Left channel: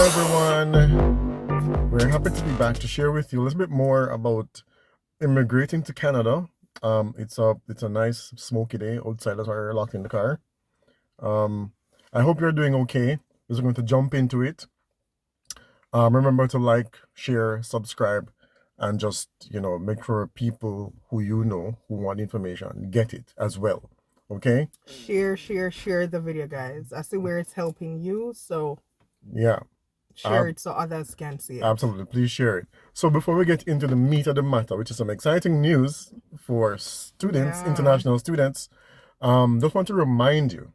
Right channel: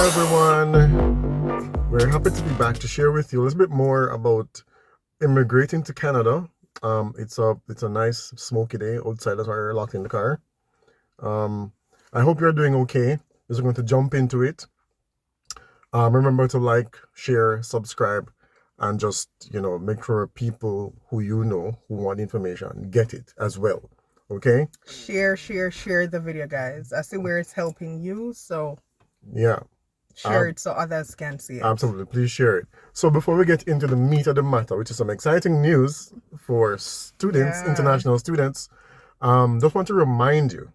everyone. We're happy to be back to share with you a little bit more about immigrating to Canada. It's a nice smoky day outside. That's why we're locked in the car. Um, I hope you're doing okay. We're going to jump into it. Remember to like, share, subscribe, and just make sure people who who want information get it as well. Okay? Share the video, guys. I see where it's helping you, so Yeah. share it so others can see it. Absolutely. Please share it. So before we get into the meat of the matter, which is some exciting news for students, international students, just want to remind you,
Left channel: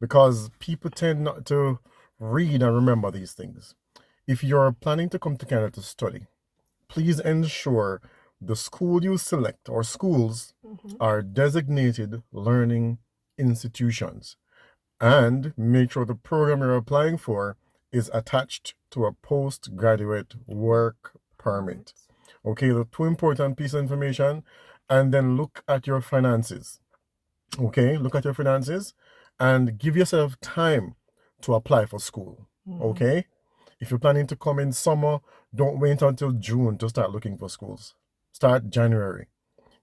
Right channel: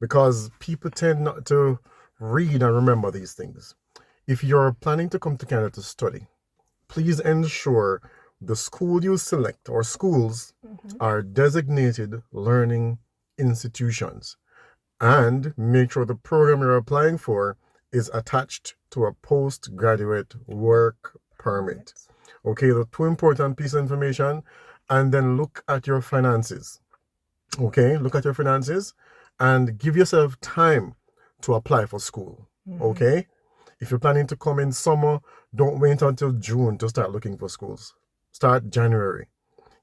because people tend not to read and remember these things. If you're planning to come to Canada to study, please ensure the school you select or schools are designated learning institutions, and make sure the program you're applying for is attached to a postgraduate work permit. Okay, the two important pieces of information. And then look at your finances. Okay, look at your finances and give yourself time to apply for school. Okay, if you're planning to come in summer, don't wait until June to start looking for schools. Start January.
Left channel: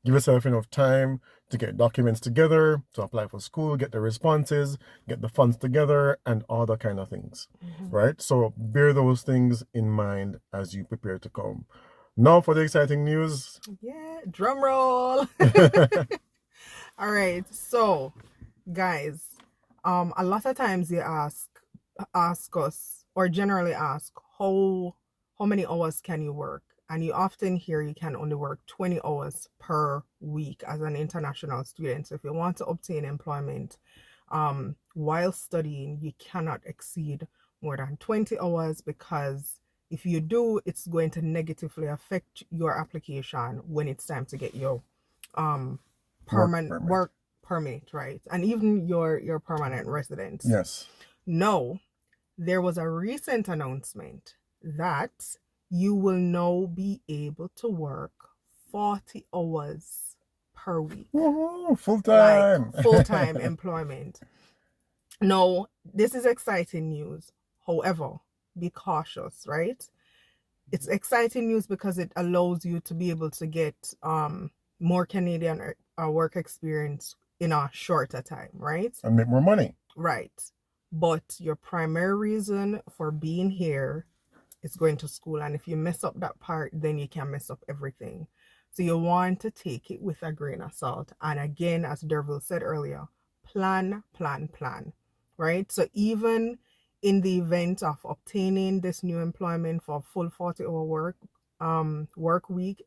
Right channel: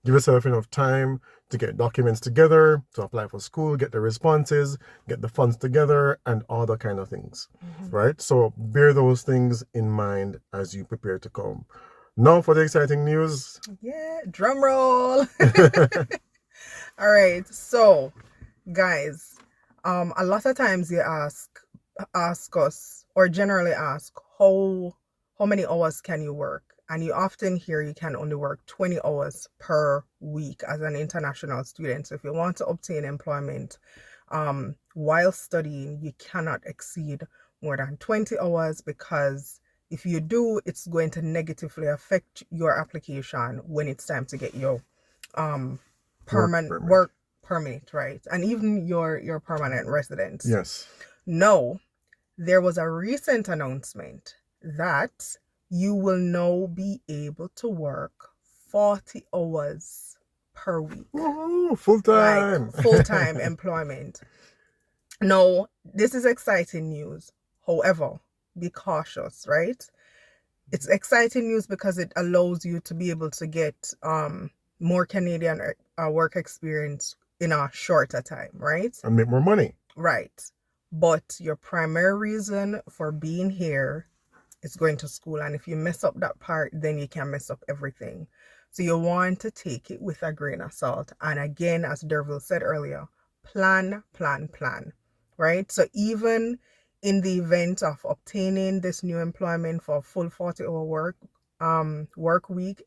Give yourself enough time to get documents together, to apply for school, get the responses, get the funds together, and all that kind of things, right? So bear those things in mind as you prepare to come. Now for the exciting news. Yeah, drum roll. All right, so guys, a lot of times you ask us, or generally ask, how many hours can you work? And you often hear you can only work 20 hours per week as an international student. So if you want to obtain employment while studying, you cannot exceed more than 20 hours, because if you do, it's going to negatively affect your application when it's time to get your permanent work permit, right? And even your permanent residence. Yes. No, there was a recent announcement that you will now be able to work 40 hours per week. Full-time. Like full-time employment. No, this is exciting news. However, be cautious, right? It's exciting news because it allows you to be able to get more Canadian work experience in a shorter time, right? And make more money. Right. But your primary reason for being here is going to school. And if you mess up that part, then you can mess up everything. So you want to take it with a grain of salt. And again, as Derville said earlier, plan, right? So even in the event of obtaining this new employment for a full 40-hour work week,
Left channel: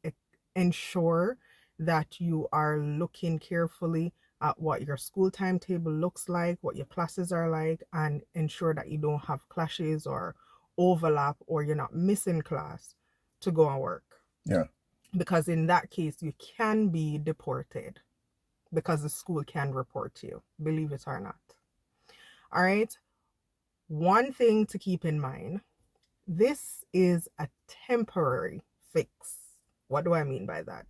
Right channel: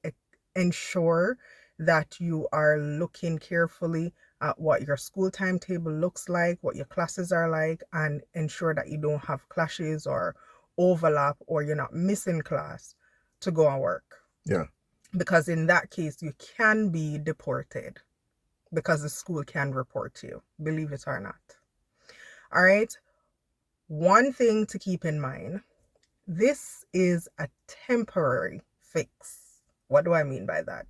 ensure that you are looking carefully at what your school timetable looks like, what your classes are like, and ensure that you don't have clashes or overlap, or you're not missing class to go and work. Yeah. Because in that case, you can be deported because the school can report you, believe it or not. All right. One thing to keep in mind, this is a temporary fix. What do I mean by that?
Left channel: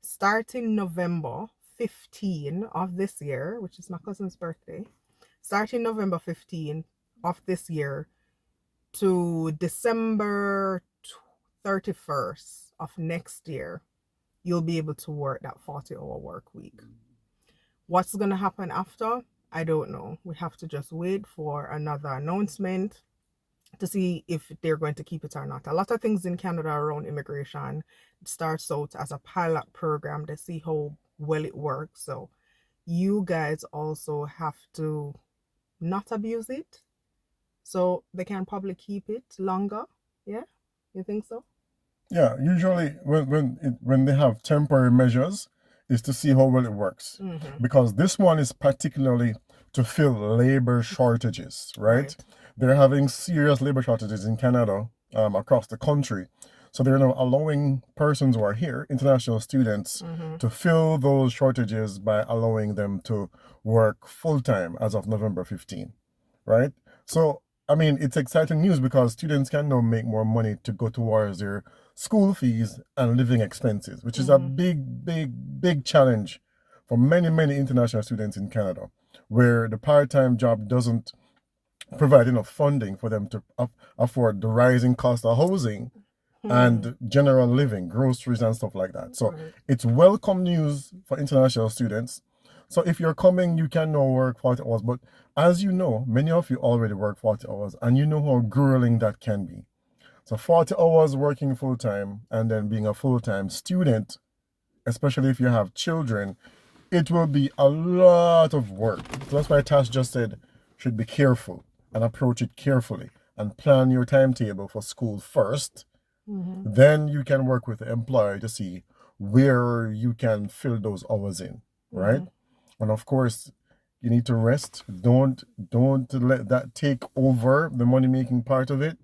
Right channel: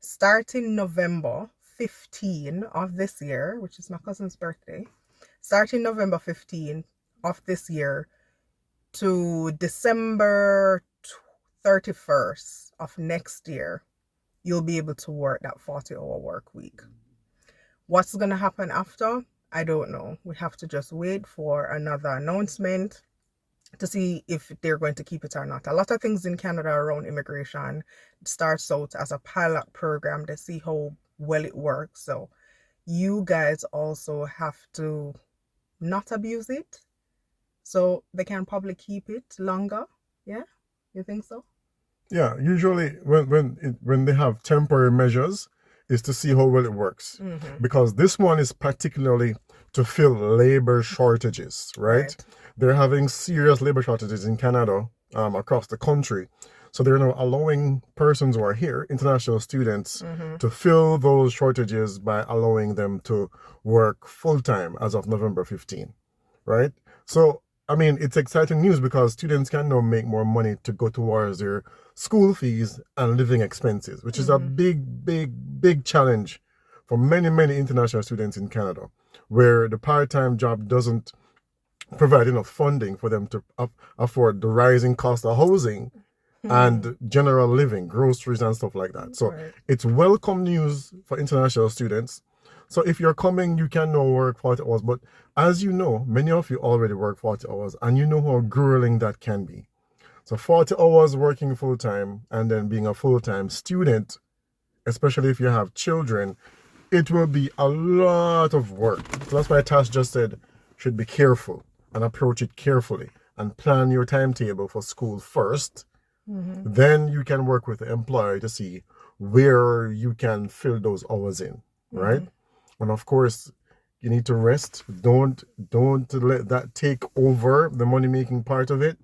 Starting November 15 of this year, which is my cousin's birthday, starting November 15 of this year to December 31st of next year, you'll be able to work that 40-hour work week. What's going to happen after? I don't know. We have to just wait for another announcement to see if they're going to keep it or not. A lot of things in Canada around immigration starts out as a pilot program to see how well it works. So you guys also have to not abuse it, so they can probably keep it longer. Yeah, you think so? Yeah, usually when they have temporary measures, is to see how well it works. Because this one is particularly to fill labor shortages, right? They're having serious labor shortages in Canada, across the country. So they're now allowing persons who are here, international students, to fill those shortages by allowing them to work full-time as of November 15, right? So, I mean, it's exciting news because students can now make more money to go towards their school fees and living expenses, which is a big challenge for many international students in Canada, where the part-time job doesn't provide enough funding for them to afford the rising cost of housing and general living, groceries and stuff like that. So Right. it's welcome news for international students. So if you're coming, you can now work 40 hours. But as you know, many of you already work 40 hours, and you know how grueling that can be. So 40 hours working full-time and then being a full-time student, especially if you have children, it will be a lot of work. So that's why Tash just said, should be careful and approach it carefully and plan your timetable for school first. Then you can work with the employer to see where you can fill those hours in, right? And of course, you need to rest. Don't let that take over the money-making part of it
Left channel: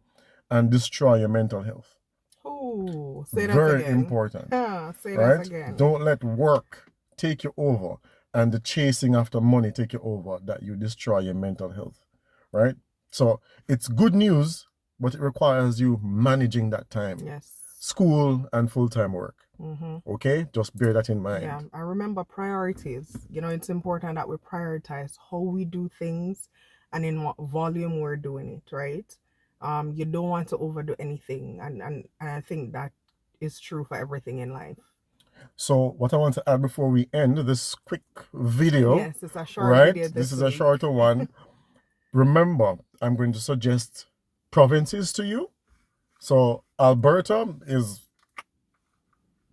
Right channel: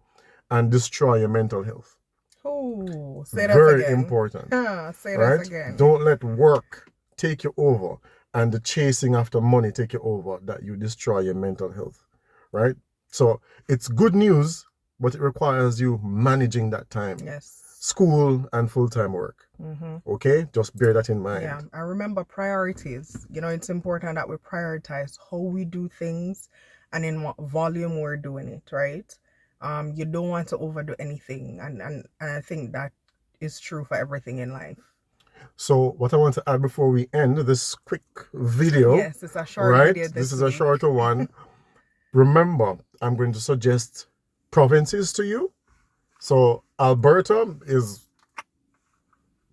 and destroy your mental health. Ooh, say that Very again. important, Say right? that again. Don't let work take you over and the chasing after money take you over, that you destroy your mental health, right? So it's good news, but it requires you managing that time. Yes. School and full-time work. Okay, just bear that in mind. Yeah, I remember priorities. You know, it's important that we prioritize how we do things and in what volume we're doing it, right? You don't want to overdo anything, and I think that is true for everything in life. So what I want to add before we end this quick video, Yes, it's a short right? video This is week. a shorter one. Remember, I'm going to suggest provinces to you. So Alberta is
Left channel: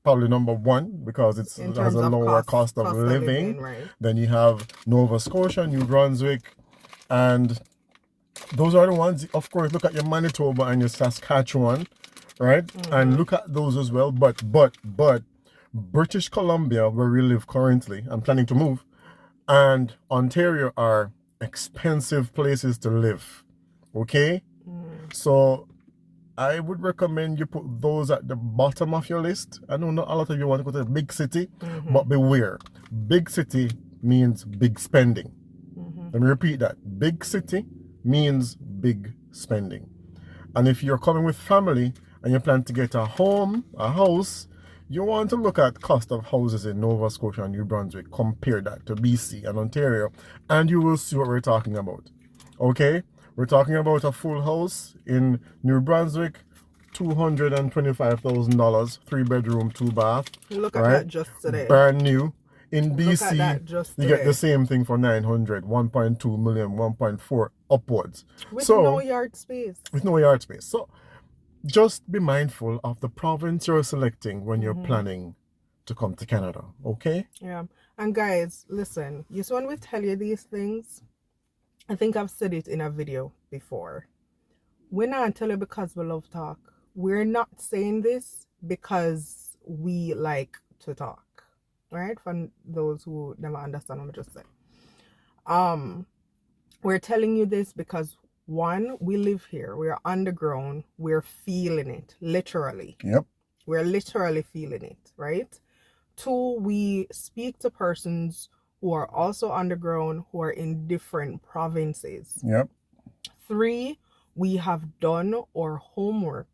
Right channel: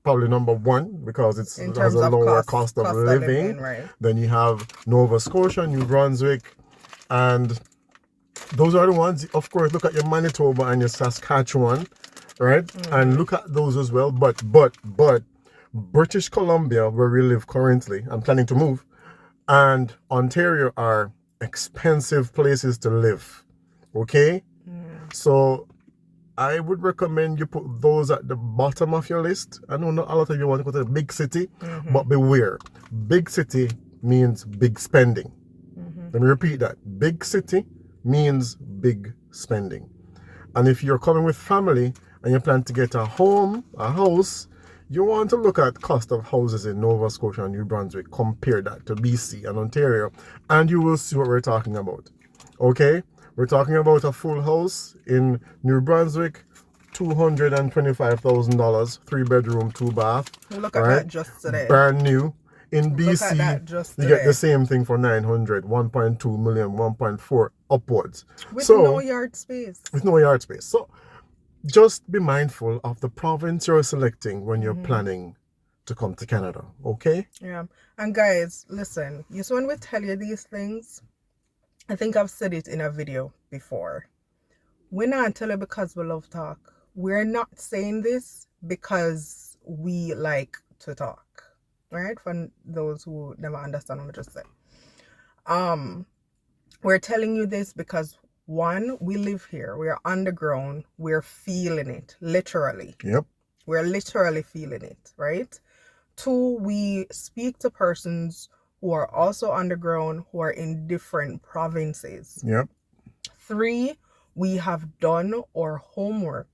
probably number one because it has a lower cost of living. Right? Then you have Nova Scotia, New Brunswick, and those are the ones. Of course, look at your Manitoba and your Saskatchewan, right? And look at those as well. But British Columbia, where we live currently, I'm planning to move, and Ontario are expensive places to live. Okay, so I would recommend you put those at the bottom of your list. I know not a lot of you want to go to a big city, but beware. Big city means big spending. Let me repeat that. Big city means big spending. And if you're coming with family and you plan to get a home, a house, you want to look at cost of houses in Nova Scotia and New Brunswick. Compare that to BC and Ontario, and you will see what we're talking about. Okay? We're talking about a full house in New Brunswick, $225,000, 3-bedroom, 2-bath. Look at that just today. Brand new. In Look at that BC, just you get today. the same thing for 900, 1.2 million, 1.4 upwards. With So, no yard space. with no yard space. So just be mindful of the province you're selecting when you're planning to come to Canada, okay? Yeah. And guys, listen, just when we tell you these things, I think I've said it in a video before. We're not telling you because we love talk. We're not saying this because we like to talk. Right? For those who never understand what I just said. We're telling you this because one, we live here. We're underground. We're feeling it, literally. Yep. We're literally feeling it, right? Two, we speak to persons who are also underground, who are in different provinces. Yep. Three, we have done our homework,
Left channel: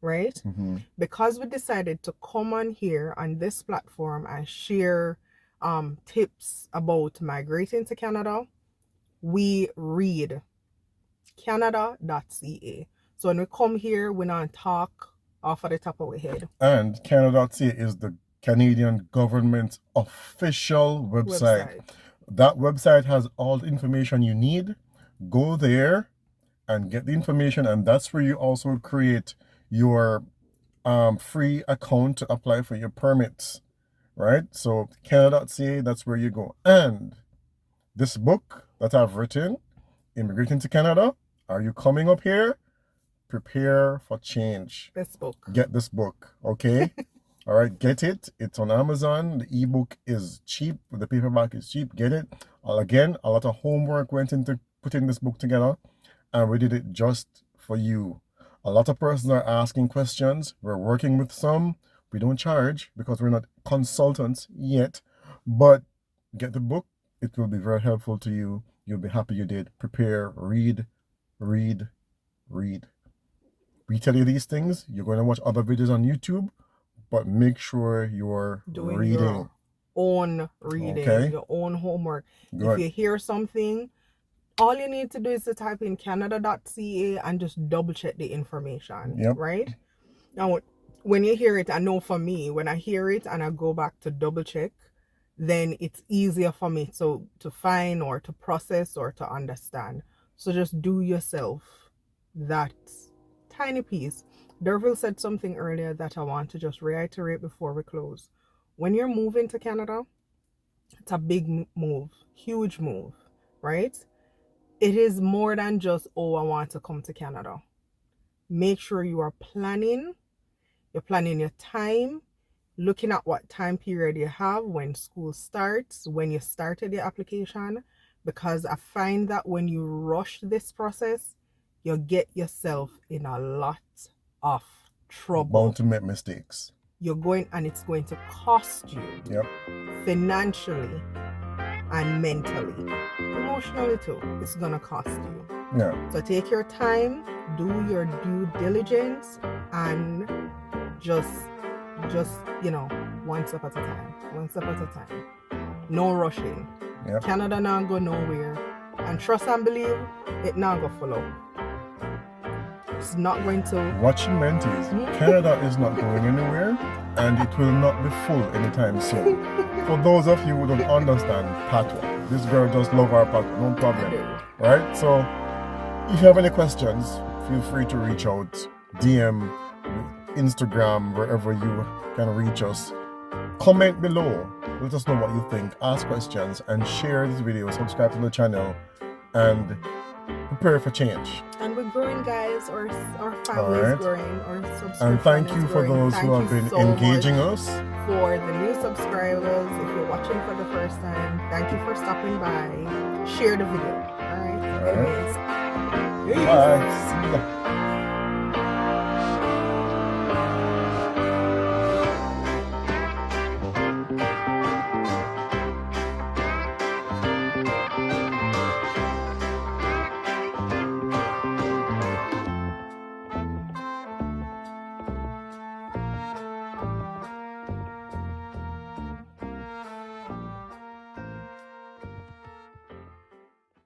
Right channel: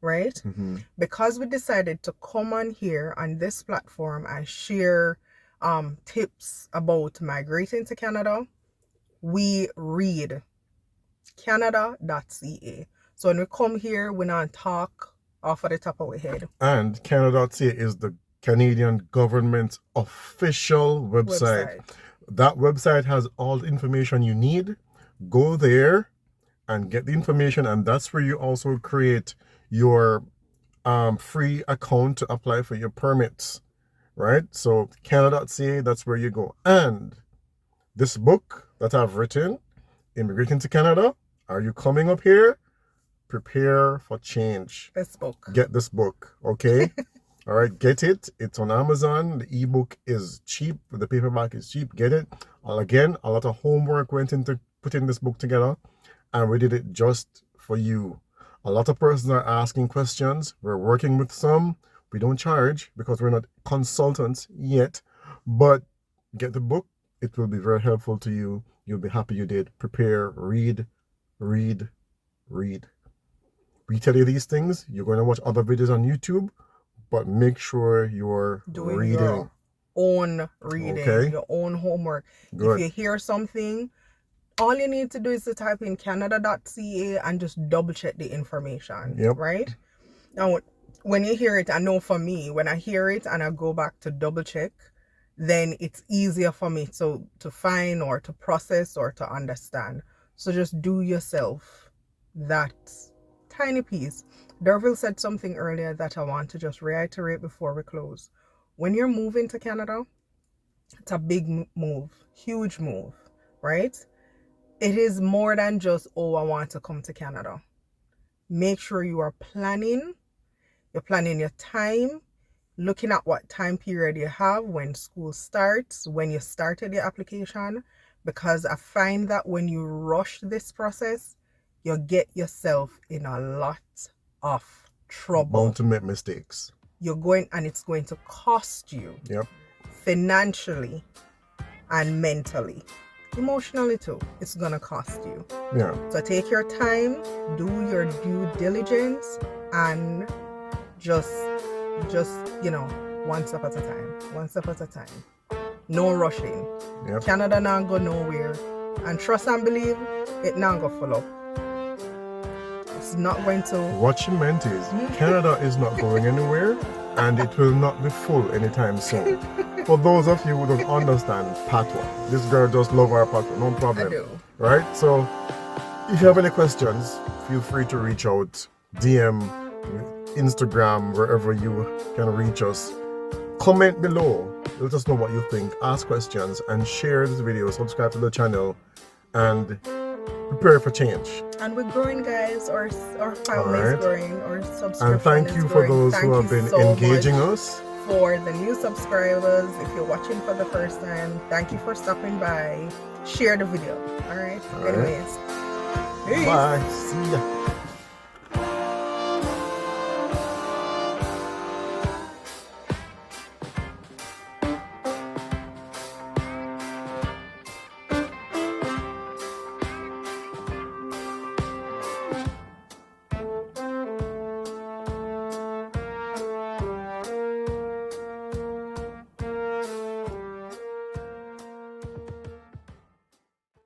right? Because we decided to come on here on this platform and share tips about migrating to Canada, we read Canada.ca. So when we come here, we not talk off of the top of our head. And Canada.ca is the Canadian government's official website. That website has all the information you need. Go there and get the information, and that's where you also create your free account to apply for your permits, right? So Canada.ca, that's where you go. And this book that I've written, Immigrating to Canada, are you coming up here? Prepare for change. This book. Get this book, okay? All right, get it. It's on Amazon. The ebook is cheap. The paperback is cheap. Get it. Again, a lot of homework went into putting this book together, and we did it just for you. A lot of persons are asking questions. We're working with some. We don't charge because we're not consultants yet, but get the book. It will be very helpful to you. You'll be happy you did. Prepare, read, read, read. We tell you these things. You're going to watch other videos on YouTube, but make sure you're doing reading. Your own reading, Okay. your own homework. Good. If you hear something, all you need to do is to type in canada.ca and just double check the information. Yep. Right? Now, when you hear it, I know for me, when I hear it and I go back to double check, then it's easier for me to find or to process or to understand. So just do yourself that tiny piece. Derville said something earlier that I want to just reiterate before we close. When you're moving to Canada, it's a big move, huge move, right? It is more than just, oh, I want to come to Canada. Make sure you are planning. You're planning your time, looking at what time period you have, when school starts, when you started your application, because I find that when you rush this process, you get yourself in a lot of trouble. Bound to make mistakes. And it's going to cost you. Yep. Financially and mentally, emotionally too. It's gonna cost you. Yeah. So take your time, do your due diligence, and just one step at a time. No rushing. Yep. Canada now go nowhere, and trust and believe it now go follow. It's not going to. What she meant is Canada is not going anywhere, and it will not be full anytime soon. For those of you who don't understand patois, this girl does love our patois, no problem. I do. Right? So if you have any questions, feel free to reach out, DM, Instagram, wherever you can reach us. Comment below. Let us know what you think. Ask questions and share this video. Subscribe to the channel and prepare for change. And we're growing, guys. Our family is growing. Our subscription And thank you for those who have been engaging us. For the new subscribers, if you're watching for the first time, thank you for stopping by. Share the video. All right. Anyways. Bye. See ya.